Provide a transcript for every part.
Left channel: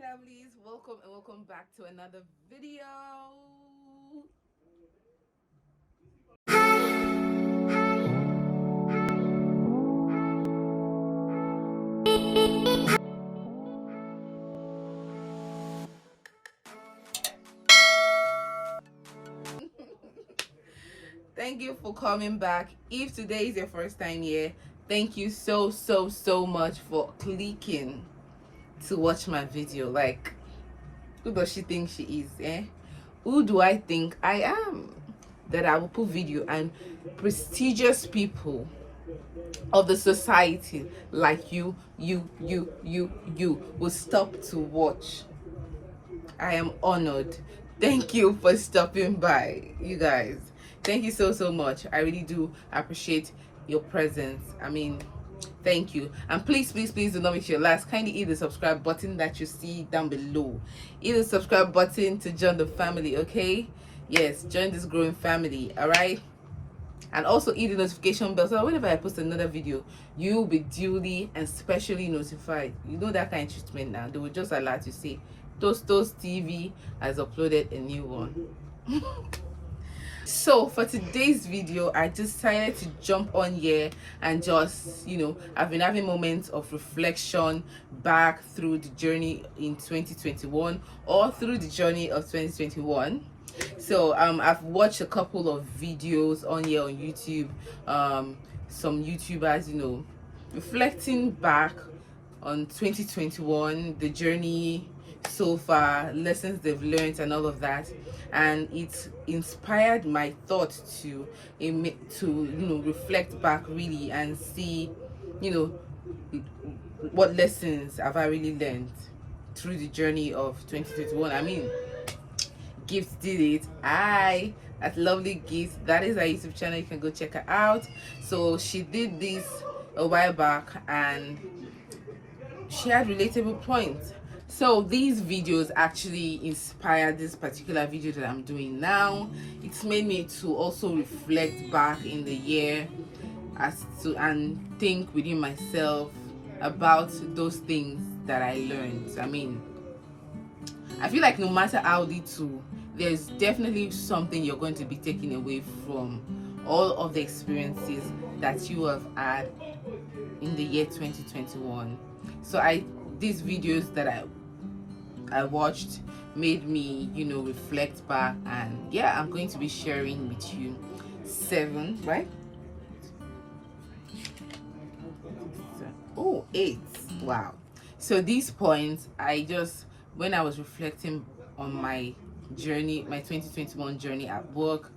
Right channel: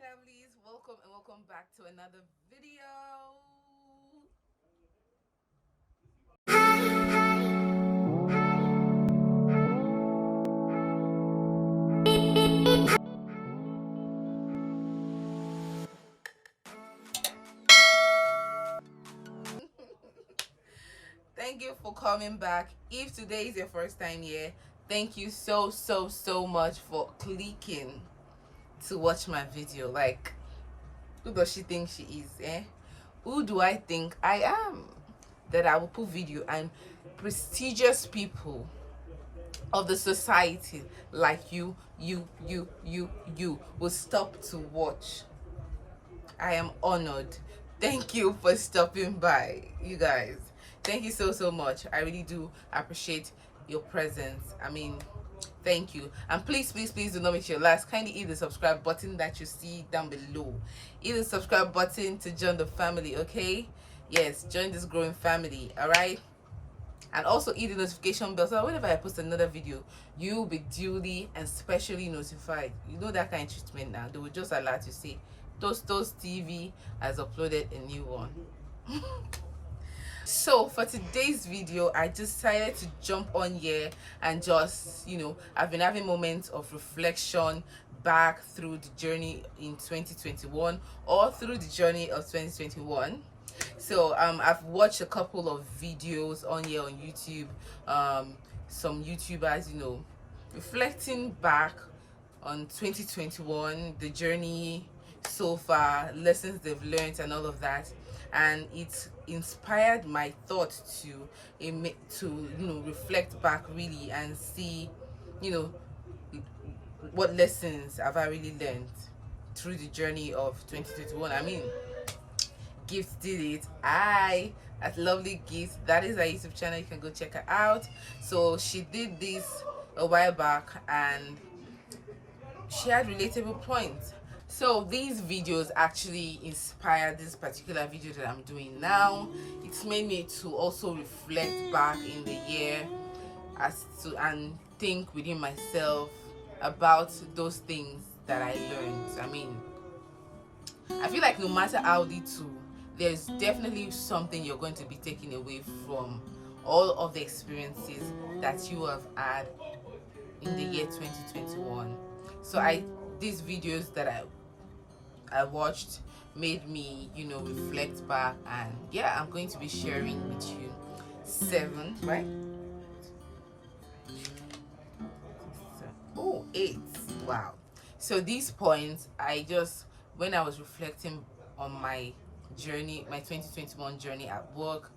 lovelies, welcome and welcome back to another video. Thank you for coming back. If today is your first time here, thank you so much for clicking to watch my video. Like, who does she think she is, eh? Who do I think I am that I will put video and prestigious people of the society like you will stop to watch? I am honored. Thank you for stopping by, you guys. Thank you so much. I really do appreciate your presence. I mean, thank you. And please do not make your last. Kindly hit the subscribe button that you see down below. Hit the subscribe button to join the family, okay? Yes, join this growing family, all right? And also hit the notification bell so whenever I post another video, you'll be duly and specially notified. You know that kind of treatment now. They will just alert you, say Tostos TV has uploaded a new one. So for today's video, I decided to jump on here and just, I've been having moments of reflection back through the journey in 2021 or through the journey of 2021. So I've watched a couple of videos on here on YouTube, some YouTubers, reflecting back on 2021, the journey so far, lessons they've learned and all of that, and it inspired my thought to reflect back really and see what lessons have I really learned through the journey of 2021. I mean, Gifts did it. At Lovely Gifts, that is our YouTube channel, you can go check her out. So she did this a while back and she had relatable points. So these videos actually inspired this particular video that I'm doing now. It's made me to also reflect back in the year and think within myself about those things that I learned. I mean, I feel like no matter how little, there's definitely something you're going to be taking away from all of the experiences that you have had in the year 2021. So these videos that I watched made me, reflect back, and yeah, I'm going to be sharing with you 7, right? Oh, 8. Wow. So these points, when I was reflecting on my journey, my 2021 journey at work,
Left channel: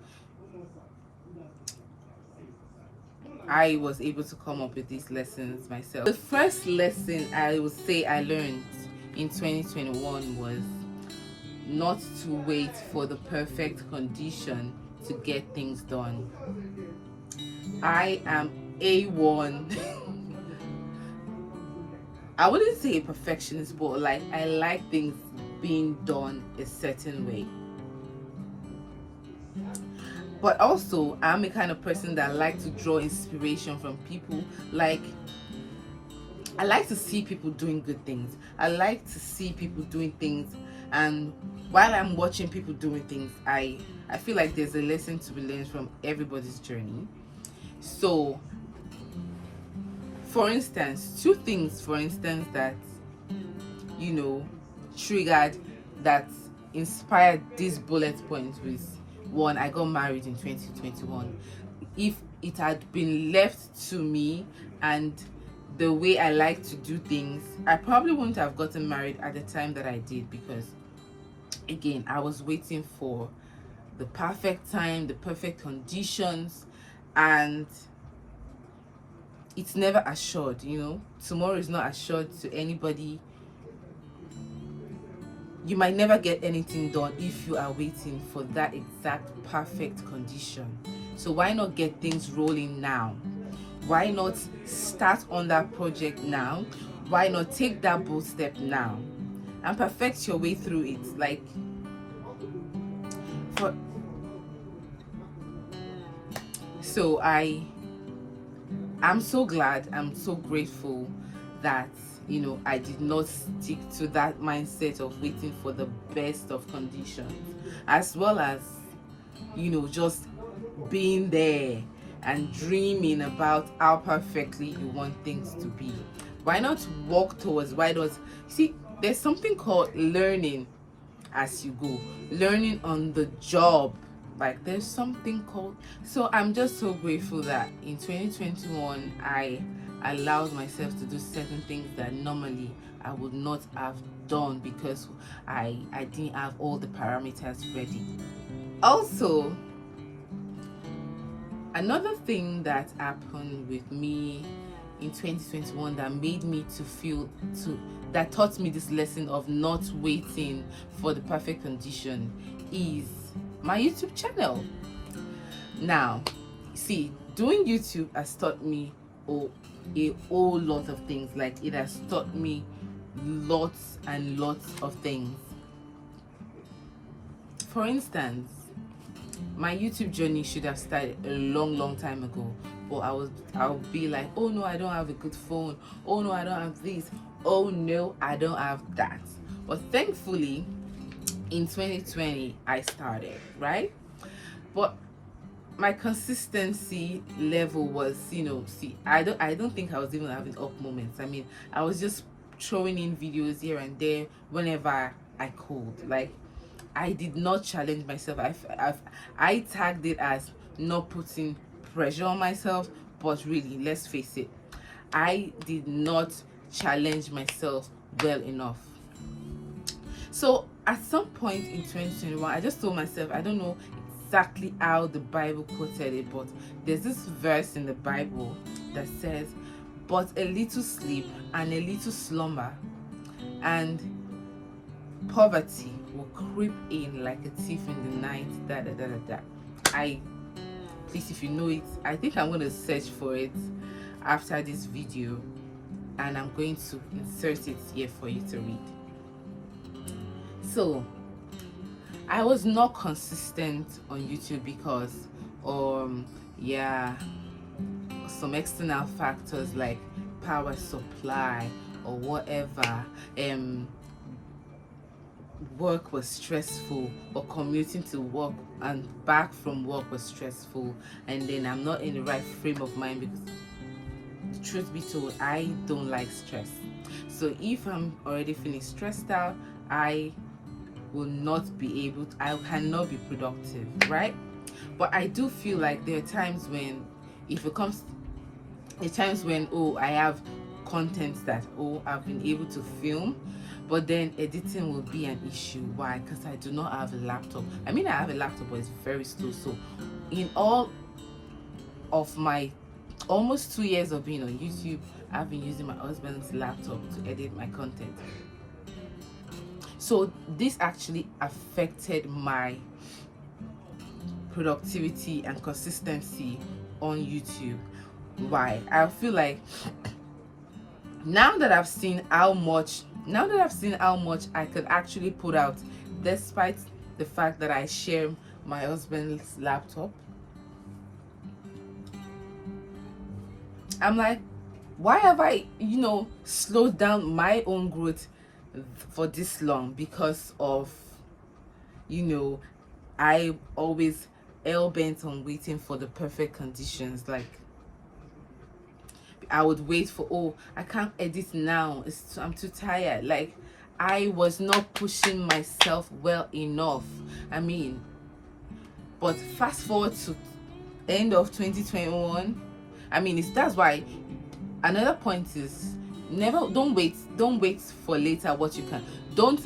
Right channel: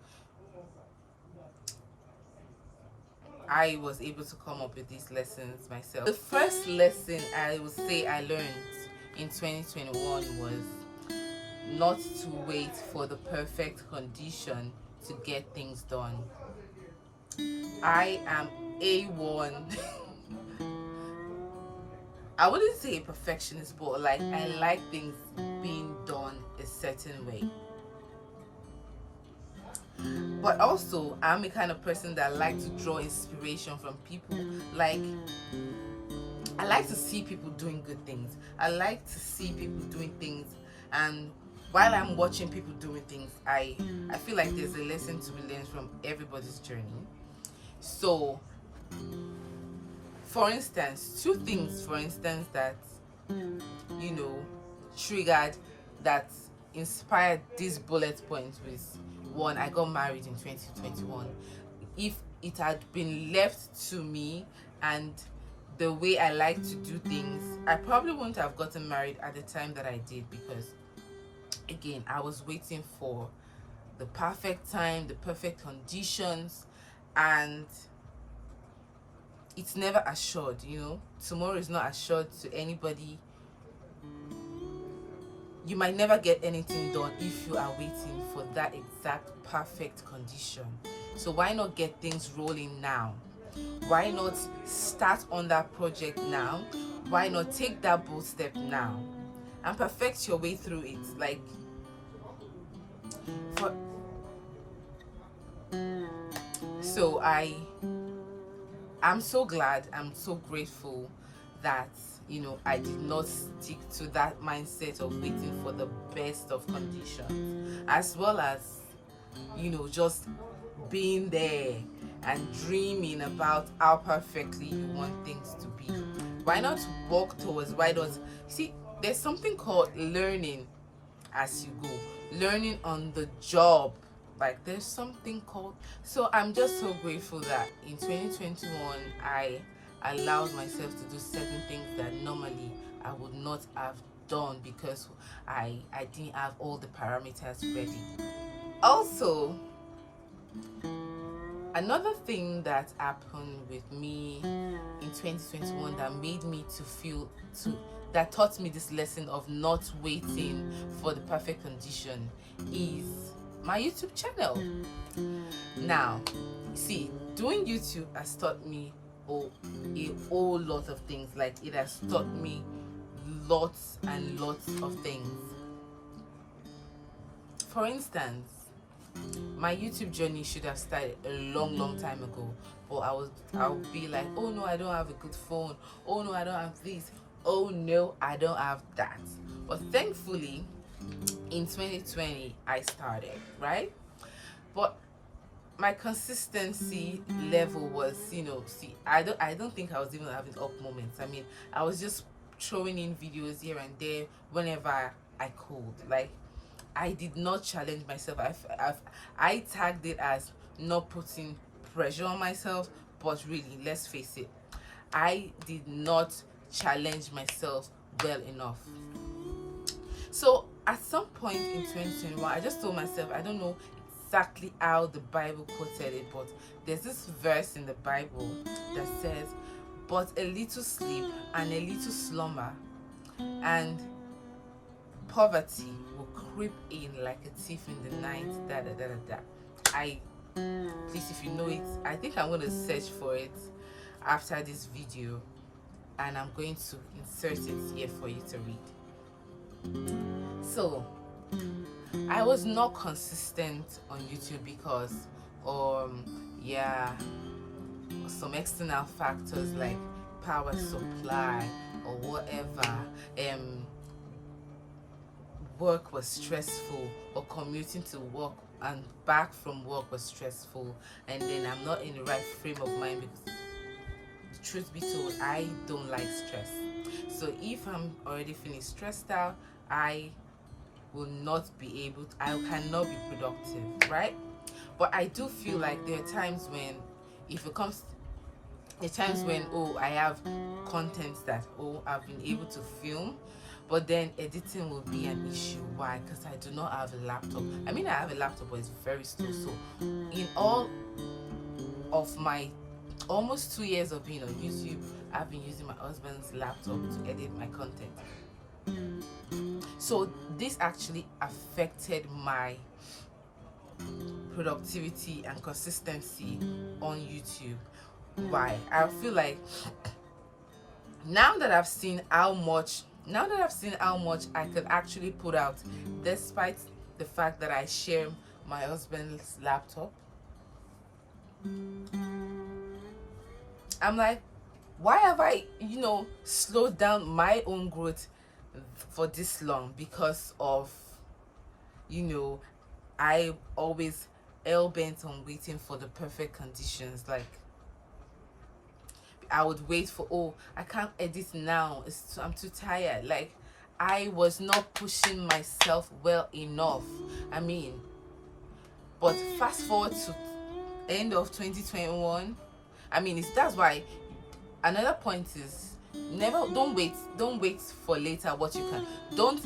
I was able to come up with these lessons myself. The first lesson I would say I learned in 2021 was not to wait for the perfect condition to get things done. I am A1. I wouldn't say a perfectionist, but like I like things being done a certain way. But also, I'm a kind of person that likes to draw inspiration from people. Like, I like to see people doing good things. I like to see people doing things, and while I'm watching people doing things, I feel like there's a lesson to be learned from everybody's journey. So, for instance, 2 things, that triggered, that inspired these bullet points was: 1, I got married in 2021. If it had been left to me and the way I like to do things, I probably wouldn't have gotten married at the time that I did, because again, I was waiting for the perfect time, the perfect conditions, and it's never assured. Tomorrow is not assured to anybody. You might never get anything done if you are waiting for that exact perfect condition. So why not get things rolling now? Why not start on that project now? Why not take that bold step now and perfect your way through it? Like, so I'm so glad, I'm so grateful that I did not stick to that mindset of waiting for the best of conditions, as well as just being there and dreaming about how perfectly you want things to be. Why not walk towards? Why not see? There's something called learning as you go, learning on the job. Like, there's something called. So I'm just so grateful that in 2021 I allowed myself to do certain things that normally I would not have done, because I didn't have all the parameters ready. Also, another thing that happened with me in 2021 that made me that taught me this lesson of not waiting for the perfect condition is my YouTube channel. Now, see, doing YouTube has taught me a whole lot of things. Like, it has taught me lots and lots of things. For instance, my YouTube journey should have started a long time ago, but I'll be like, oh no, I don't have a good phone, oh no, I don't have this, oh no, I don't have that. But thankfully in 2020 I started, right? But my consistency level was, I don't think I was even having up moments. I mean, I was just throwing in videos here and there whenever I could. Like, I did not challenge myself. I tagged it as not putting pressure on myself, but really, let's face it, I did not challenge myself well enough. So at some point in 2021, I just told myself, I don't know exactly how the Bible quoted it, but there's this verse in the Bible that says, but a little sleep and a little slumber, and poverty will creep in like a thief in the night. Please, if you know it, I think I'm going to search for it after this video, and I'm going to insert it here for you to read. So I was not consistent on YouTube because some external factors like power supply or whatever. Work was stressful, or commuting to work and back from work was stressful, and then I'm not in the right frame of mind, because the truth be told, I don't like stress. So if I'm already feeling stressed out, I cannot be productive, right? But I do feel like there are times when, I have content that I've been able to film, but then editing will be an issue. Why? Because I do not have a laptop. I mean, I have a laptop, but it's very slow. So in all of my almost 2 years of being on YouTube, I've been using my husband's laptop to edit my content. So this actually affected my productivity and consistency on YouTube. Why? I feel like now that I've seen how much I could actually put out, despite the fact that I share my husband's laptop, I'm like, why have I, slowed down my own growth for this long? Because of, I always hell-bent on waiting for the perfect conditions. Like, I would wait for, I can't edit now, I'm too tired. Like, I was not pushing myself well enough. I mean, but fast forward to end of 2021, I mean, that's why another point is, don't wait for later what you can. Don't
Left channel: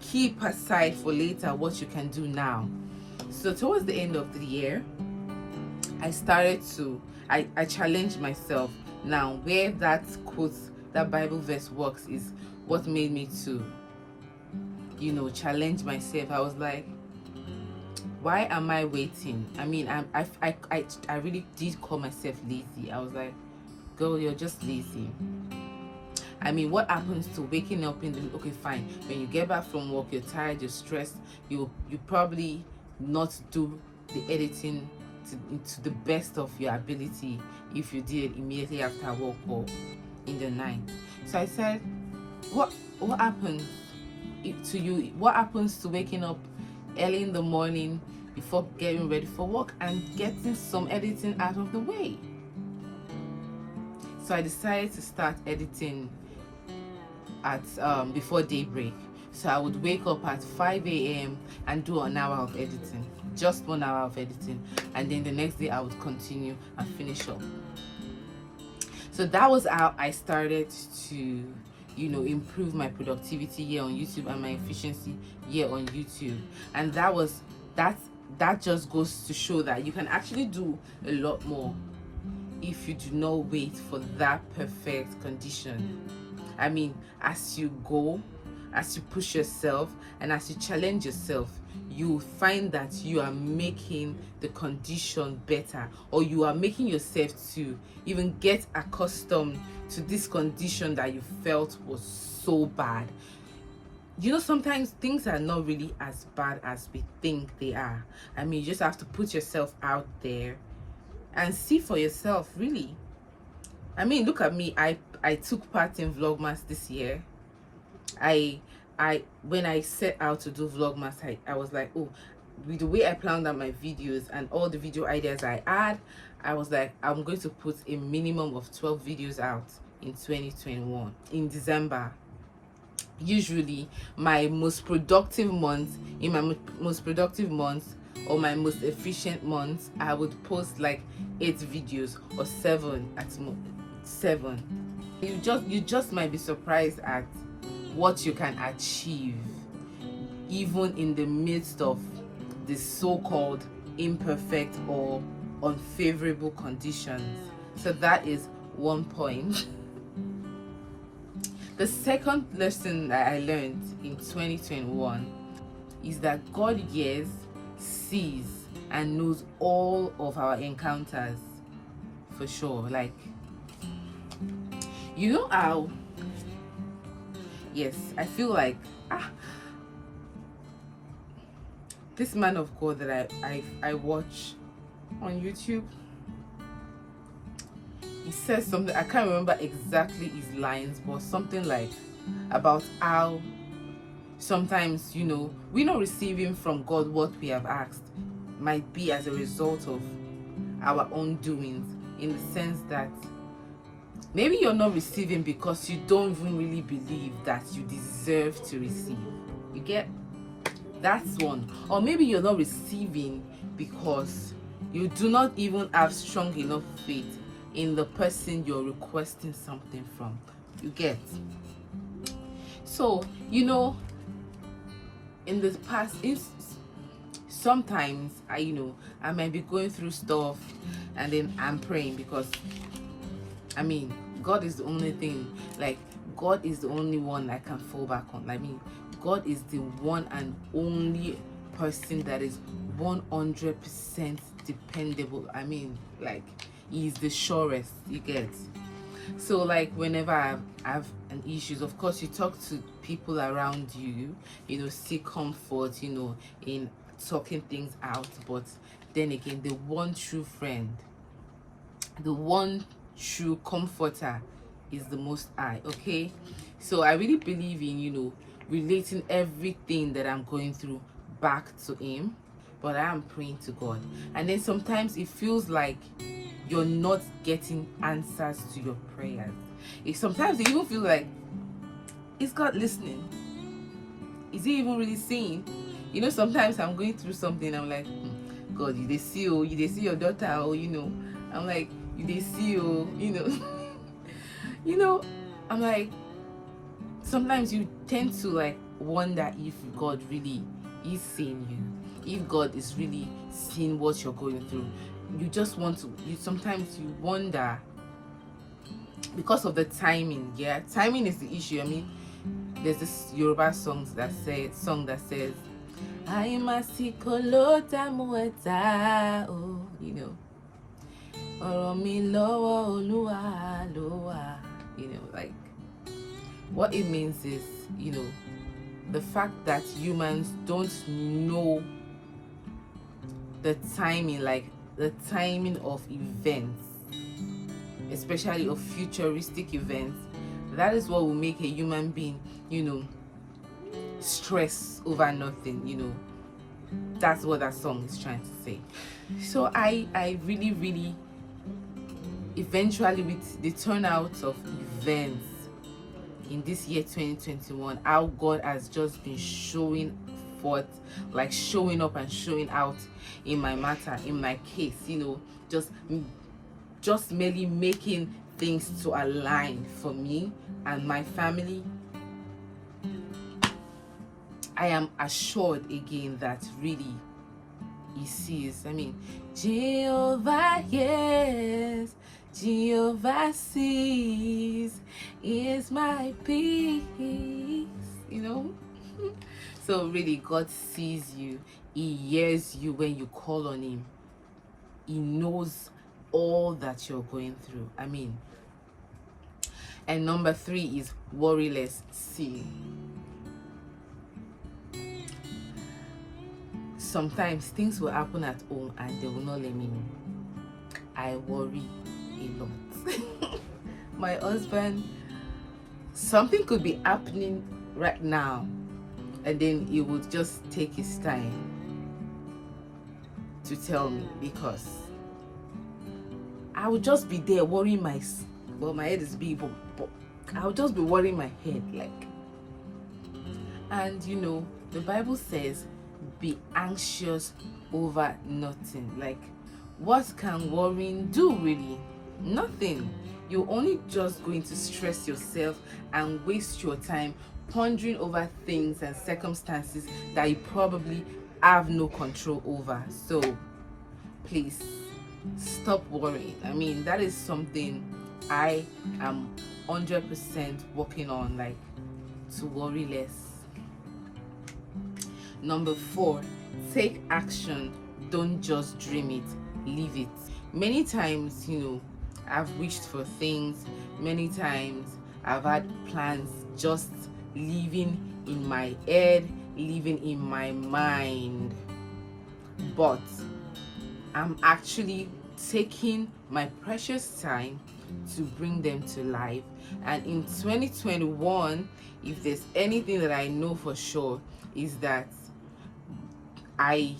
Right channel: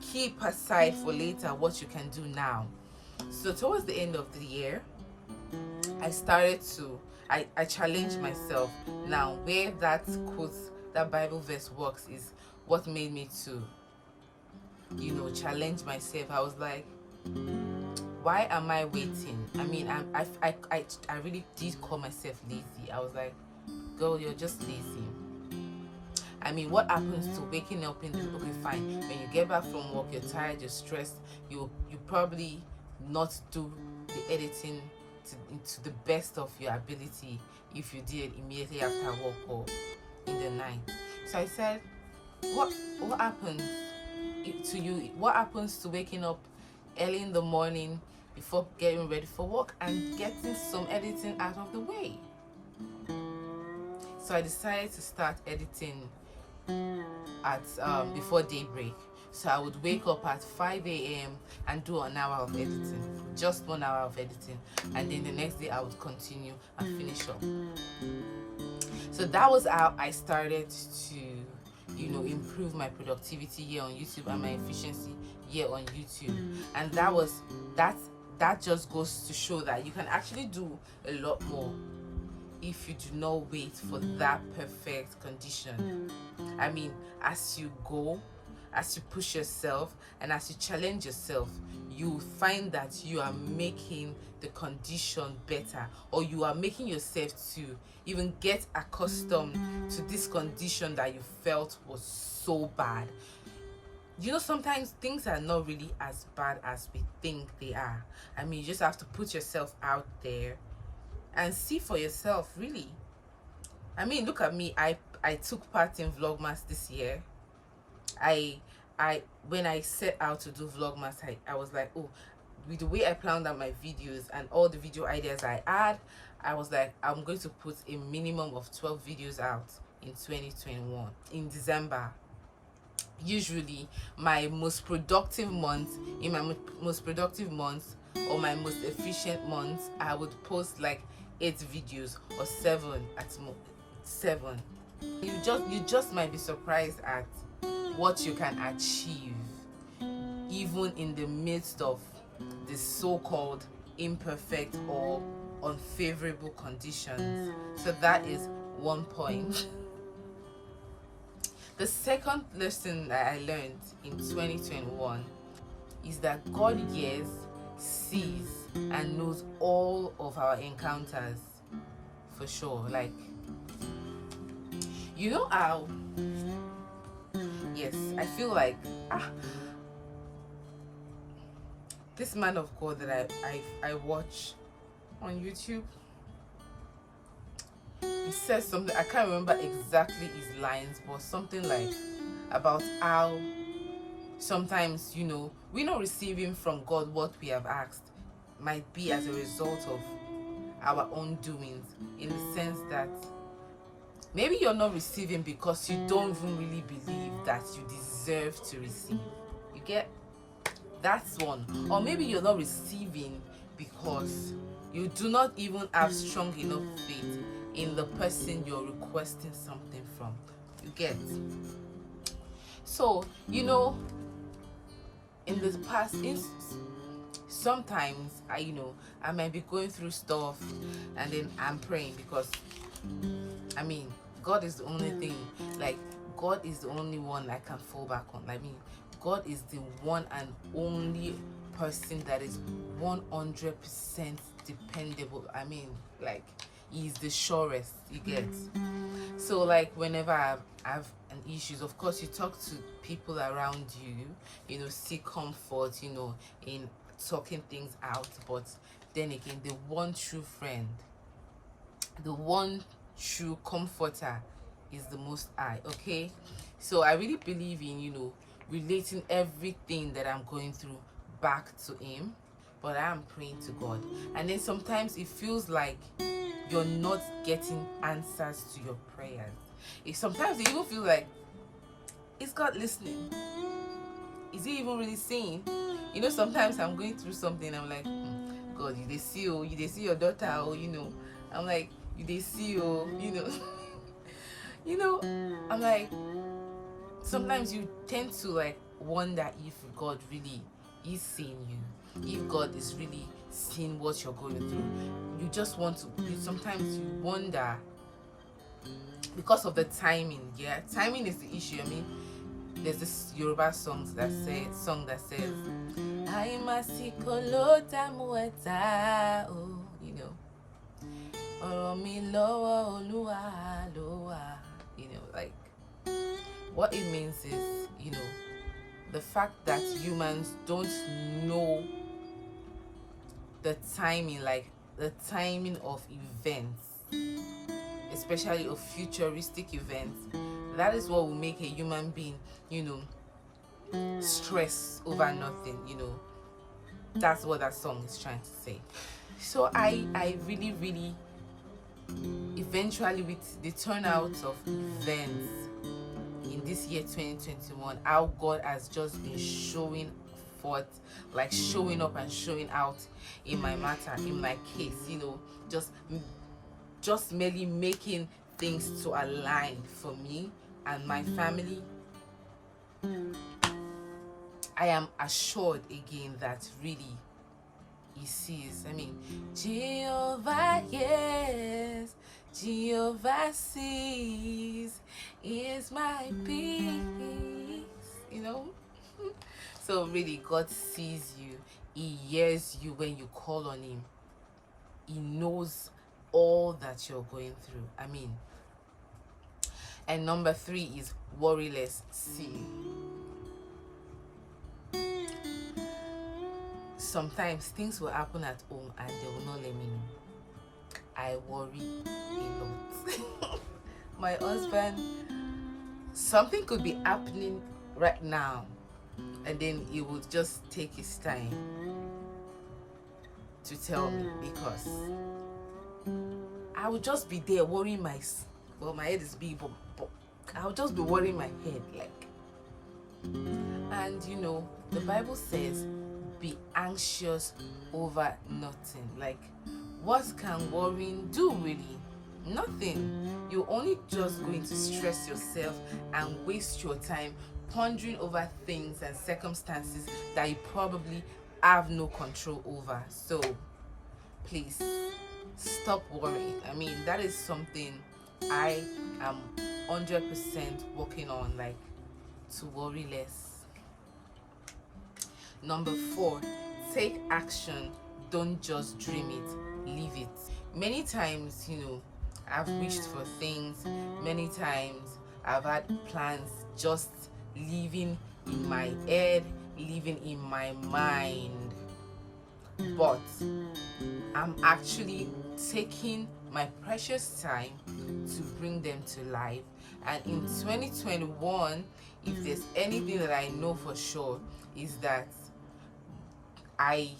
keep aside for later what you can do now. So towards the end of the year, I started to I challenged myself. Now, where that quote, that Bible verse works, is what made me to, challenge myself. I was like, why am I waiting? I mean, I really did call myself lazy. I was like, girl, you're just lazy. I mean, what happens to waking up in the, okay, fine, when you get back from work, you're tired, you're stressed, you probably not do the editing to the best of your ability if you did it immediately after work or in the night. So I said, what happens to you? What happens to waking up early in the morning before getting ready for work and getting some editing out of the way? So I decided to start editing at before daybreak. So I would wake up at 5 a.m. and do an hour of editing, just 1 hour of editing, and then the next day I would continue and finish up. So that was how I started to, improve my productivity here on YouTube and my efficiency here on YouTube. And that just goes to show that you can actually do a lot more if you do not wait for that perfect condition. I mean, as you go, as you push yourself, and as you challenge yourself, you find that you are making the condition better, or you are making yourself to even get accustomed to this condition that you felt was so bad. Sometimes things are not really as bad as we think they are. I mean, you just have to put yourself out there and see for yourself, really. I mean, look at me. I took part in Vlogmas this year. When I set out to do Vlogmas, I was like, oh, with the way I planned out my videos and all the video ideas I had, I was like, I'm going to put a minimum of 12 videos out in 2021 in December. Usually my most productive months, or my most efficient months, I would post like 8 videos or 7 at 7. You just might be surprised at what you can achieve even in the midst of the so-called imperfect or unfavorable conditions. So that is one point. The second lesson that I learned in 2021 is that God hears, sees, and knows all of our encounters, for sure. Like, how, yes, I feel like this man of God that I watch on YouTube, he says something, I can't remember exactly his lines, but something like about how sometimes, we're not receiving from God what we have asked, might be as a result of our own doings, in the sense that maybe you're not receiving because you don't even really believe that you deserve to receive. You get? That's one. Or maybe you're not receiving because you do not even have strong enough faith in the person you're requesting something from. You get? So, in the past, sometimes I might be going through stuff and then I'm praying, because I mean, God is the only thing, like, God is the only one I can fall back on. I mean, God is the one and only person that is 100% dependable. I mean, like, He's the surest, you get. So, like, whenever I have an issues, of course, you talk to people around you, seek comfort, in talking things out. But then again, the one true friend, the one true comforter is the Most High. Okay, so I really believe in relating everything that I'm going through back to Him, but I am praying to God. And then sometimes it feels like you're not getting answers to your prayers. Sometimes you even feel like, is God listening? Is He even really seeing? Sometimes I'm going through something, I'm like, God, you they see your daughter, or I'm like, you they see I'm like, sometimes you tend to like wonder if God really is seeing you, if God is really seeing what you're going through. You just want to, sometimes you wonder because of the timing. Yeah, timing is the issue. I mean, there's this Yoruba song that says I'm a sikolota mueta, mi lowo oluwa lowa. Like, what it means is, the fact that humans don't know the timing, like the timing of events, especially of futuristic events, That is what will make a human being, stress over nothing. That's what that song is trying to say. So I really, really, eventually, with the turnout of events in this year 2021, how God has just been showing forth, like showing up and showing out in my matter, in my case, just merely making things to align for me and my family. I am assured again that really he sees. Jehovah, yes, Jehovah sees, is my peace, So really, God sees you. He hears you when you call on him. He knows all that you're going through. And number 3 is worryless. See, sometimes things will happen at home and they will not let me know. I worry a lot. My husband, something could be happening right now, and then he would just take his time to tell me, because I would just be there worrying my head is big, but I would just be worrying my head, and the Bible says, be anxious over nothing. What can worrying do really? Nothing. You're only just going to stress yourself and waste your time pondering over things and circumstances that you probably have no control over. So please stop worrying. That is something I am 100% working on, to worry less. Number 4, take action. Don't just dream it, live it. Many times, I've wished for things. Many times I've had plans just living in my head, living in my mind. But I'm actually taking my precious time to bring them to life. And in 2021, if there's anything that I know for sure, is that I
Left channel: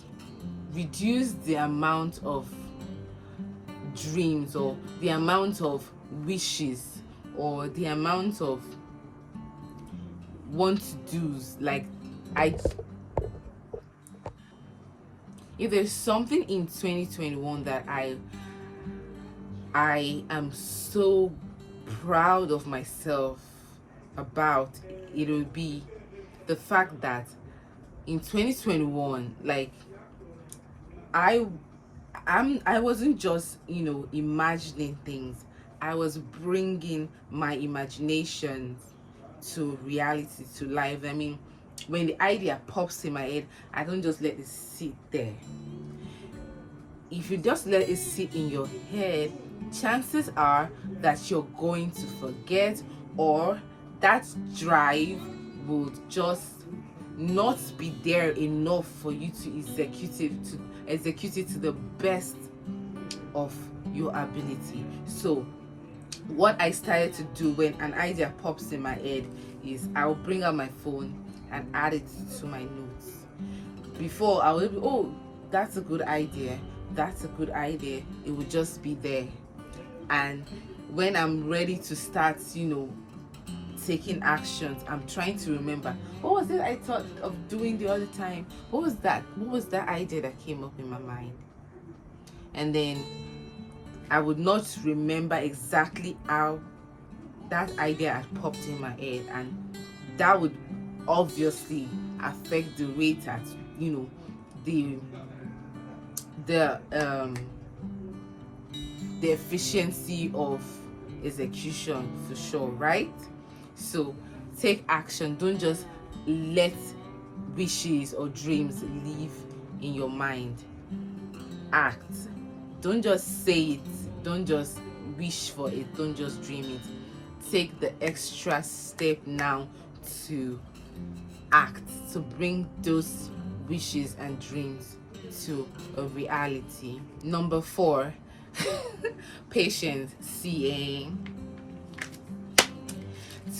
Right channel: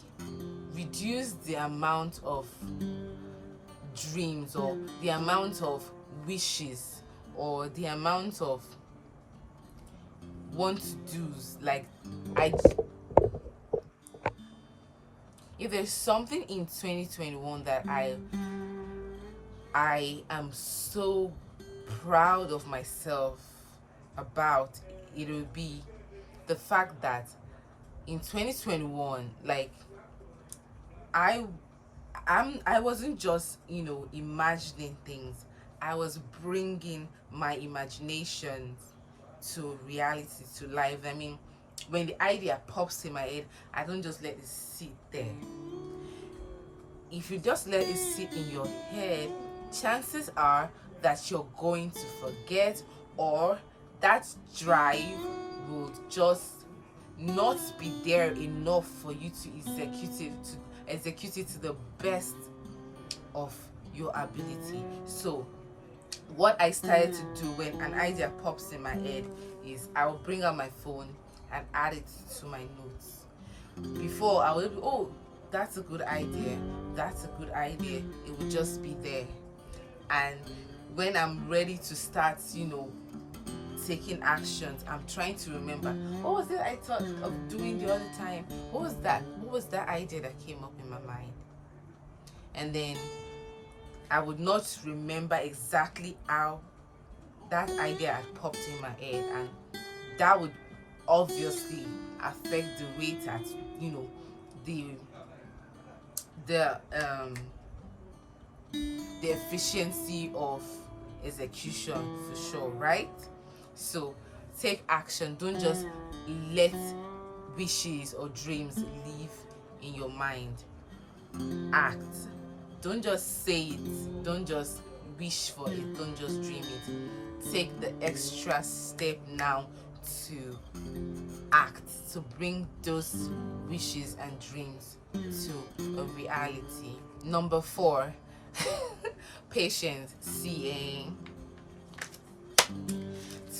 reduced the amount of dreams, or the amount of wishes, or the amount of want to do's. If there's something in 2021 that I am so proud of myself about, it will be the fact that in 2021, I wasn't just imagining things. I was bringing my imaginations to reality, to life. When the idea pops in my head, I don't just let it sit there. If you just let it sit in your head, chances are that you're going to forget, or that drive would just not be there enough for you to execute it to the best of your ability. So what I started to do when an idea pops in my head is I'll bring out my phone and add it to my notes. Before, I would be, oh, that's a good idea, it would just be there. And when I'm ready to start taking actions, I'm trying to remember, what was it I thought of doing the other time? What was that idea that came up in my mind? And then I would not remember exactly how that idea had popped in my head, and that would obviously affect the rate at the efficiency of execution, for sure, right? So take action. Don't just let wishes or dreams live in your mind. Act. Don't just say it. Don't just wish for it. Don't just dream it. Take the extra step now to act, to bring those wishes and dreams to a reality. Number 4, patience.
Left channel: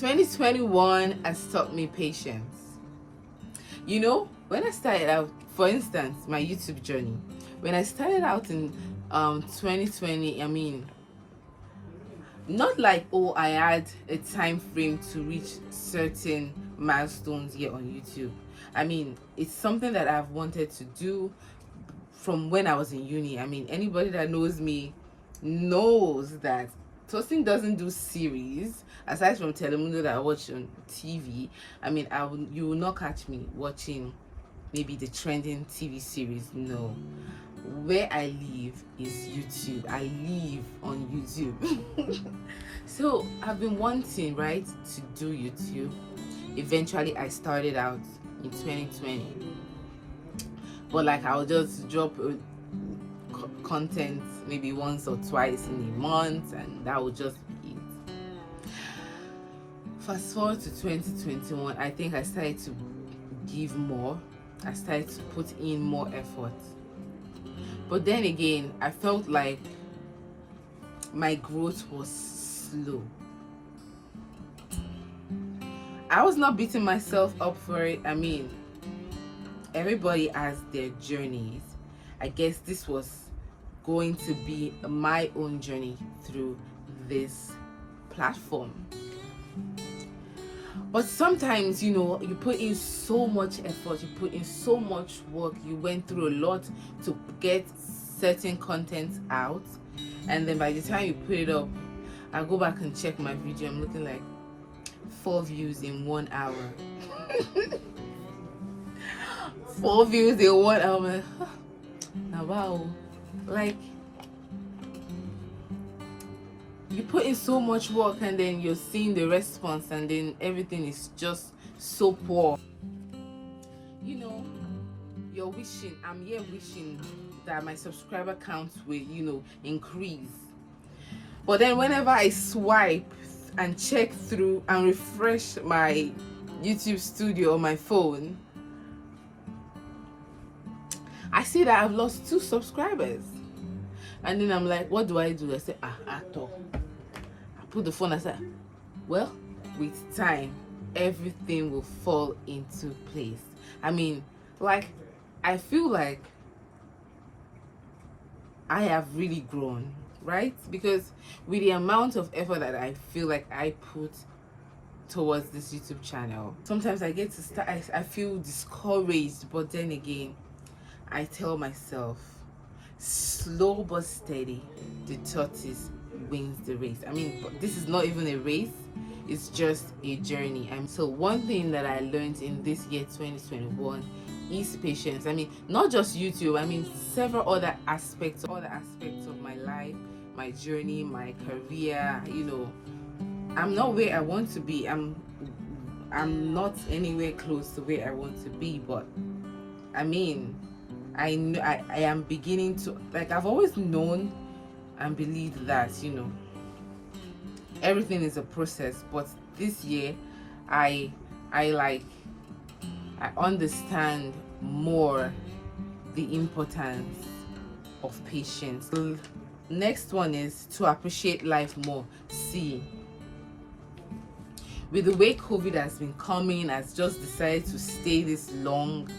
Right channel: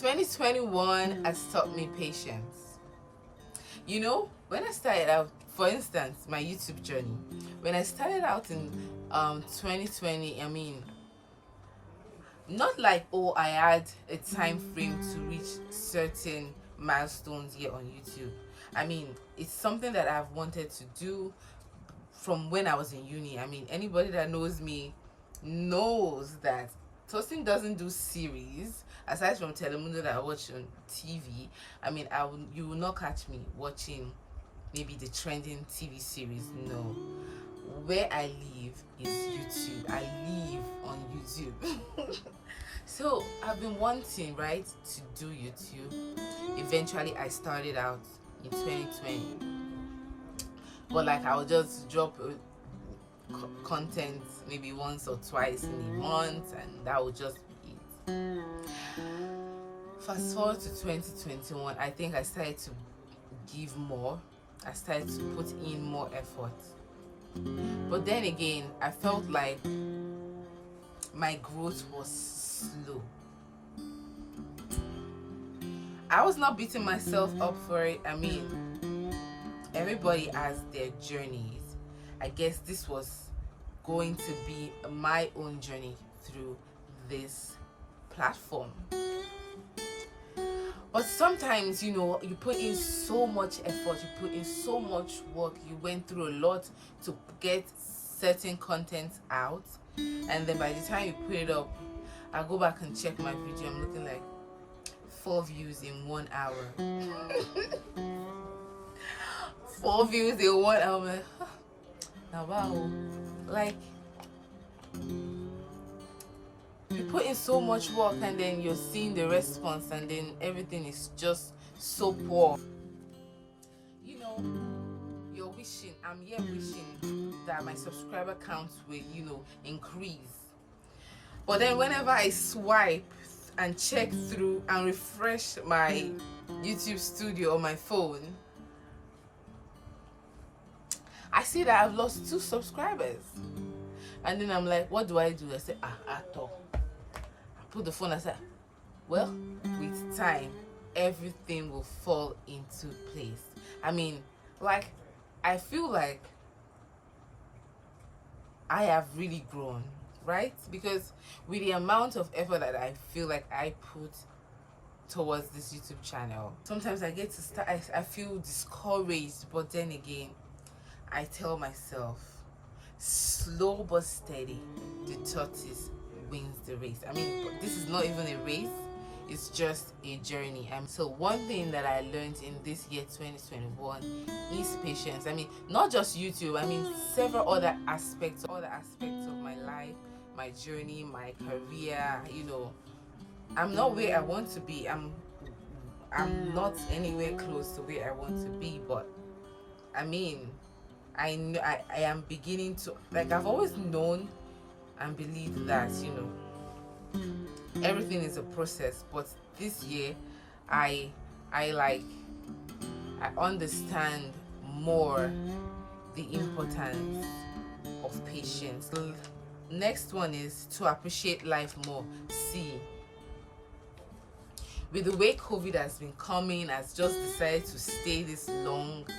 2021 has taught me patience. You know, when I started out, for instance, my YouTube journey, when I started out in 2020, I mean, not like, oh, I had a time frame to reach certain milestones here on YouTube. I mean, it's something that I've wanted to do from when I was in uni. I mean, anybody that knows me knows that Toasting doesn't do series aside from Telemundo that I watch on TV. I mean, you will not catch me watching maybe the trending TV series. No, where I live is YouTube. I live on YouTube. So I've been wanting, right, to do YouTube. Eventually I started out in 2020, but like I'll just drop content maybe once or twice in a month, and that would just be it. Fast forward to 2021, I think I started to give more. I started to put in more effort. But then again, I felt like my growth was slow. I was not beating myself up for it. I mean, everybody has their journeys. I guess this was going to be my own journey through this platform. But sometimes, you know, you put in so much effort, you put in so much work, you went through a lot to get certain content out, and then by the time you put it up, I go back and check my video, I'm looking like 4 views in 1 hour. 4 views in 1 hour. Now wow, like, you put in so much work and then you're seeing the response and then everything is just so poor. You know, you're wishing, I'm here wishing that my subscriber count will, you know, increase. But then whenever I swipe and check through and refresh my YouTube studio on my phone, I see that I've lost 2 subscribers. And then I'm like, what do? I say, actor. I put the phone aside. Well, with time, everything will fall into place. I mean, like, I feel like I have really grown, right? Because with the amount of effort that I feel like I put towards this YouTube channel, sometimes I get to start, I feel discouraged, but then again, I tell myself, slow but steady, the tortoise wins the race. I mean, this is not even a race, it's just a journey. And so one thing that I learned in this year 2021 is patience. I mean, not just YouTube, I mean several other aspects of my life, my journey, my career. You know, I'm not where I want to be. I'm not anywhere close to where I want to be, but I mean, I know I am beginning to, like, I've always known and believed that, you know, everything is a process. But this year I understand more the importance of patience. The next one is to appreciate life more. See, with the way COVID has been coming, has just decided to stay this long,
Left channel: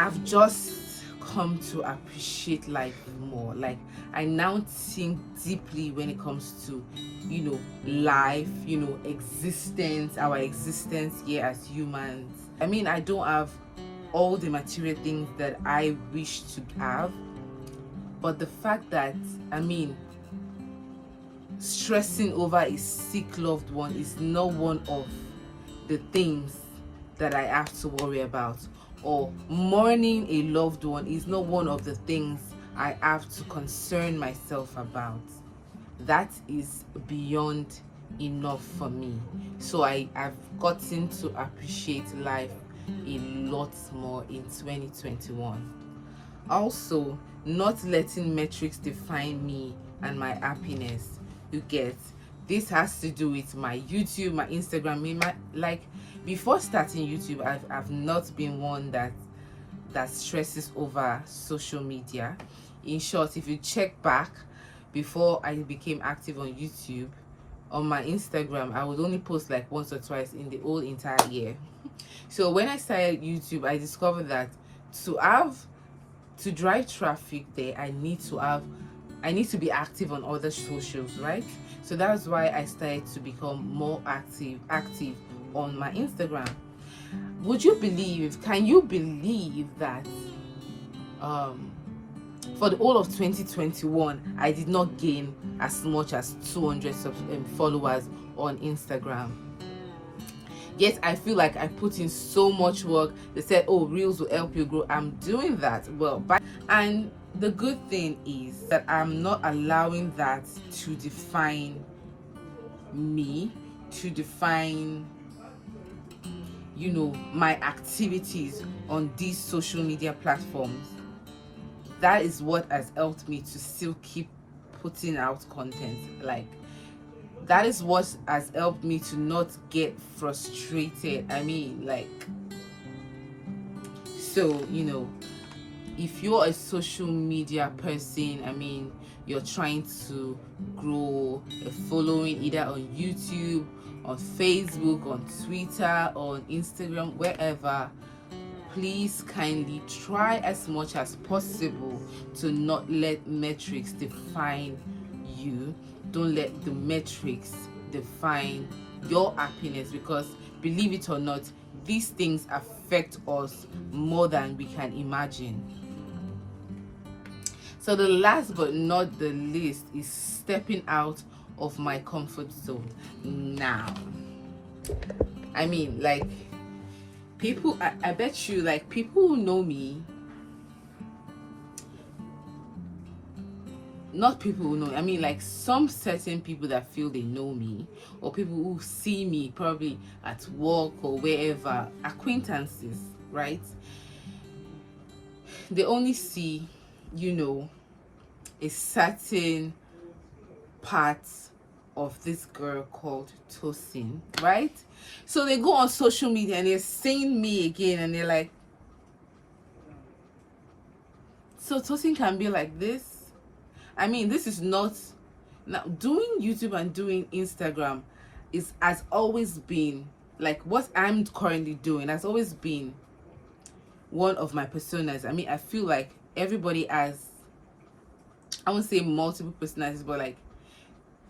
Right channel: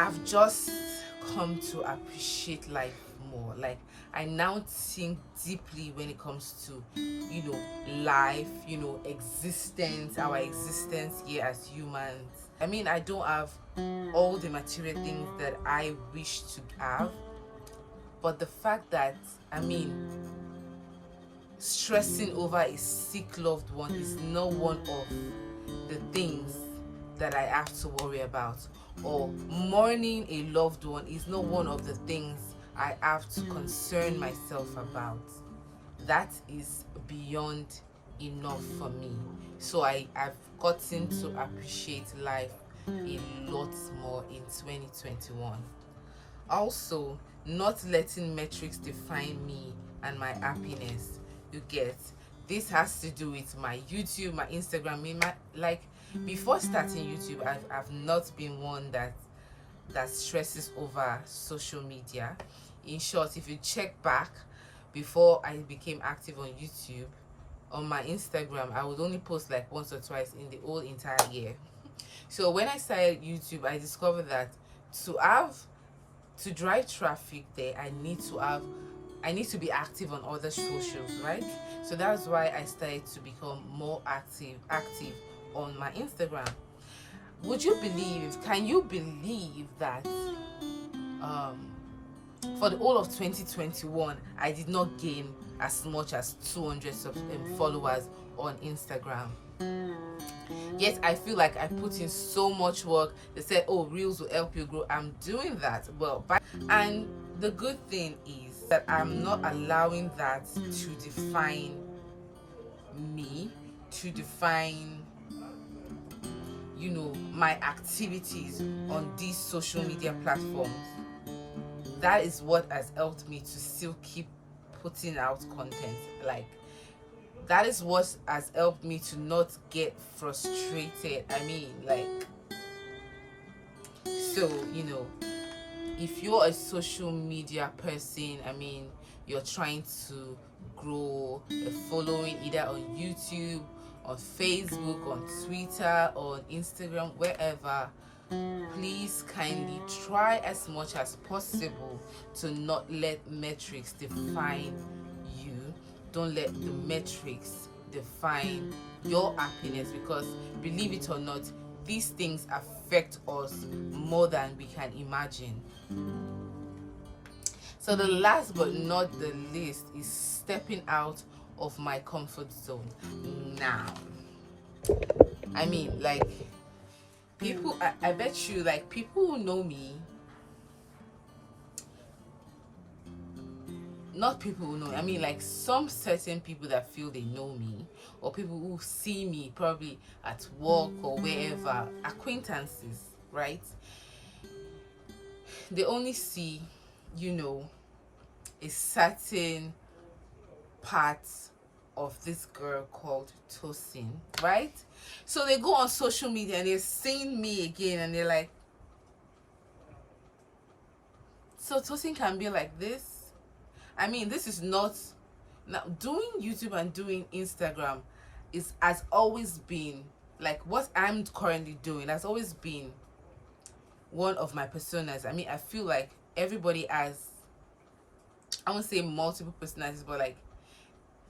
I've just come to appreciate life more. Like, I now think deeply when it comes to, you know, life, you know, existence, our existence here as humans. I mean, I don't have all the material things that I wish to have, but the fact that, I mean, stressing over a sick loved one is not one of the things that I have to worry about, or mourning a loved one is not one of the things I have to concern myself about. That is beyond enough for me. So I've gotten to appreciate life a lot more in 2021. Also, not letting metrics define me and my happiness. You get, this has to do with my YouTube, my Instagram, like, before starting YouTube, I've not been one that stresses over social media. In short, if you check back before I became active on YouTube, on my Instagram, I would only post like once or twice in the whole entire year. So when I started YouTube, I discovered that to drive traffic there, I need to be active on other socials, right? So that's why I started to become more active on my Instagram. Can you believe that for the whole of 2021 I did not gain as much as 200 followers on Instagram? Yet I feel like I put in so much work. They said, oh, reels will help you grow. I'm doing that well, and the good thing is that I'm not allowing that to define me, to define, you know, my activities on these social media platforms. That is what has helped me to still keep putting out content. Like, that is what has helped me to not get frustrated. I mean, like, so, you know, if you're a social media person, I mean, you're trying to grow a following either on YouTube, on Facebook, on Twitter, on Instagram, wherever, please kindly try as much as possible to not let metrics define you. Don't let the metrics define your happiness, because believe it or not, these things affect us more than we can imagine. So the last but not the least is stepping out of my comfort zone. Now, I mean, like, people, I bet you, like, people who know me, not people who know, I mean, like, some certain people that feel they know me, or people who see me probably at work or wherever, acquaintances, right? They only see, you know, a certain part of this girl called Tosin, right? So they go on social media and they're seeing me again and they're like, so Tosin can be like this? I mean, this is not, now doing YouTube and doing Instagram has always been, like, what I'm currently doing has always been one of my personas. I mean, I feel like everybody has, I won't say multiple personalities, but like,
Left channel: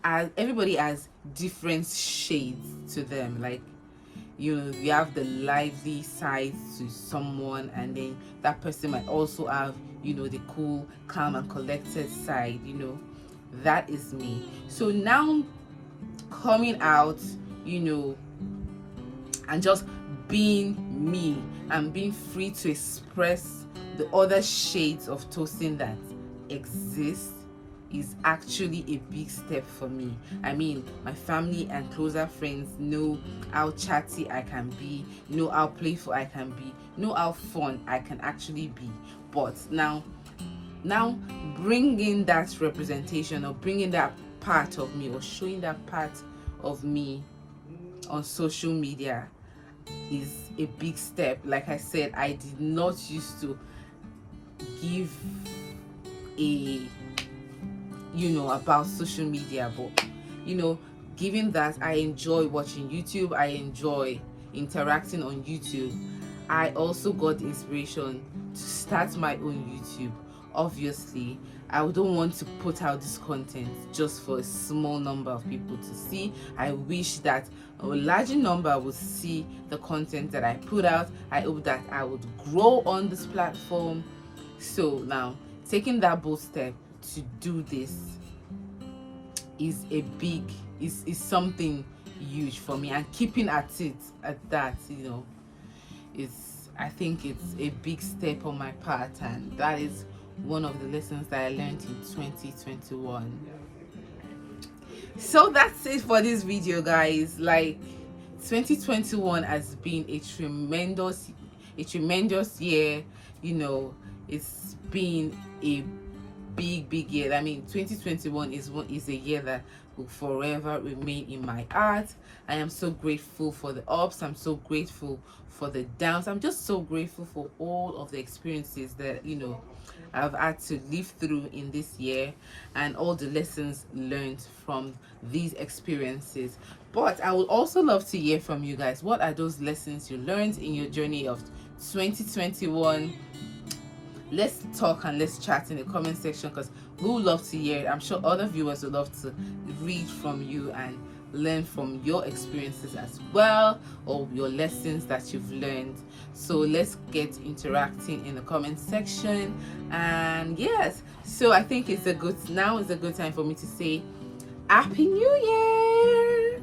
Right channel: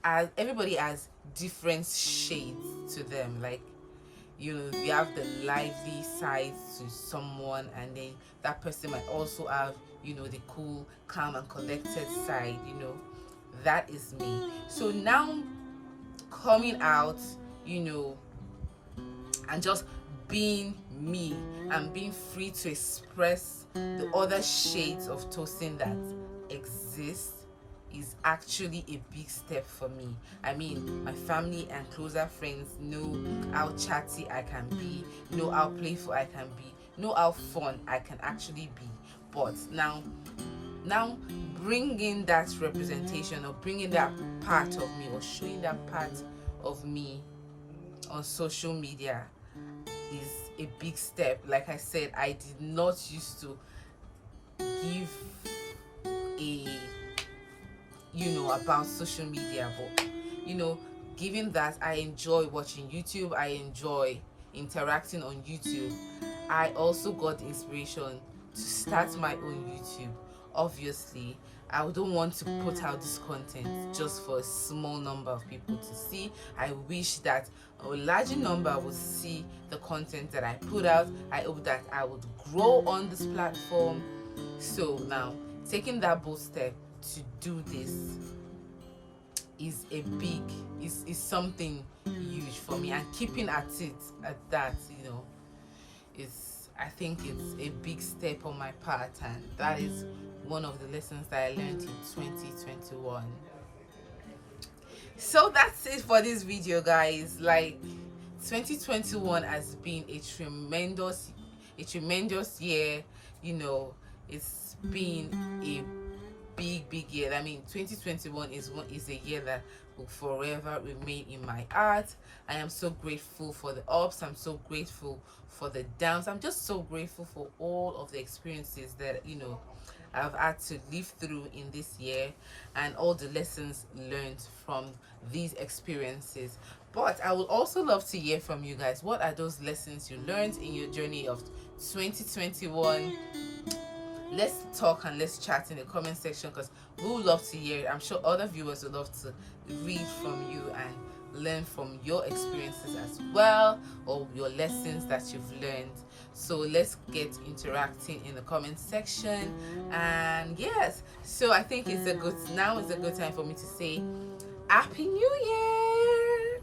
as everybody has different shades to them. Like, you know, you have the lively side to someone, and then that person might also have, you know, the cool, calm and collected side. You know, that is me. So now coming out, you know, and just being me and being free to express the other shades of Tosin that exist is actually a big step for me. I mean, my family and closer friends know how chatty I can be, know how playful I can be, know how fun I can actually be. But now bringing that representation, or bringing that part of me, or showing that part of me on social media is a big step. Like I said, I did not used to give a, you know, about social media, but, you know, given that I enjoy watching YouTube, I enjoy interacting on YouTube, I also got the inspiration to start my own YouTube. Obviously, I don't want to put out this content just for a small number of people to see. I wish that a larger number would see the content that I put out. I hope that I would grow on this platform. So now, taking that bold step to do this is something huge for me, and keeping at it at that, you know, I think it's a big step on my part, and that is one of the lessons that I learned in 2021. So that's it for this video, guys. Like, 2021 has been a tremendous year. You know, it's been a big year. I mean, 2021 is a year that will forever remain in my heart. I am so grateful for the ups. I'm so grateful for the downs. I'm just so grateful for all of the experiences that, you know, I've had to live through in this year, and all the lessons learned from these experiences. But I would also love to hear from you guys. What are those lessons you learned in your journey of 2021? Let's talk and let's chat in the comment section, because we would love to hear it. I'm sure other viewers would love to read from you and learn from your experiences as well, or your lessons that you've learned. So let's get interacting in the comment section. And yes, so I think now is a good time for me to say Happy New Year.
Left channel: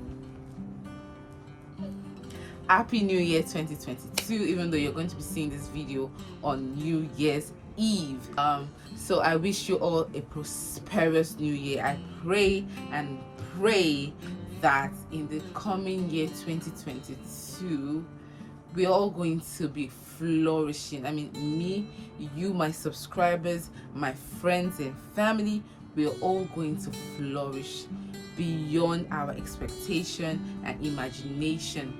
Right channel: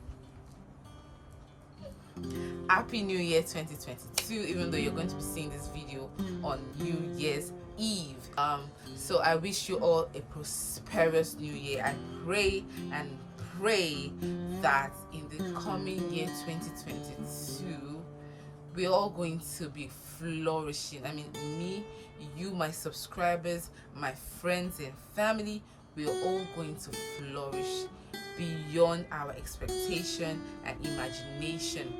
Happy New Year 2022, even though you're going to be seeing this video on New Year's Eve. So I wish you all a prosperous new year. I pray that in the coming year 2022, we're all going to be flourishing. I mean, me, you, my subscribers, my friends and family, we're all going to flourish beyond our expectation and imagination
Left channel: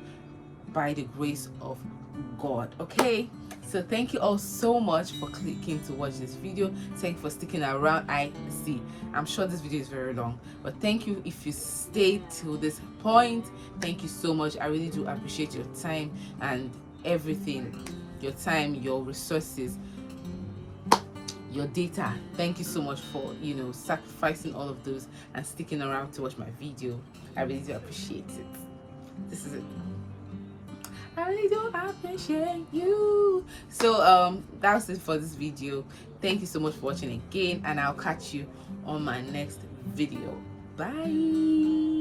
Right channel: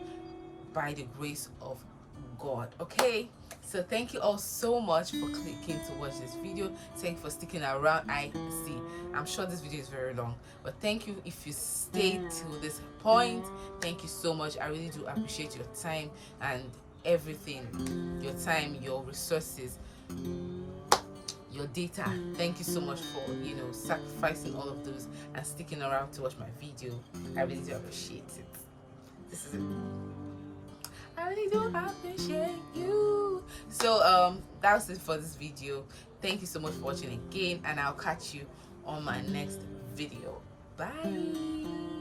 by the grace of God. Okay, so thank you all so much for clicking to watch this video. Thank you for sticking around. I'm sure this video is very long, but thank you if you stayed till this point. Thank you so much. I really do appreciate your time and everything, your time, your resources, your data. Thank you so much for sacrificing all of those and sticking around to watch my video. I really do appreciate it. This is it. I really do appreciate you. So that's it for this video. Thank you so much for watching again, and I'll catch you on my next video. Bye.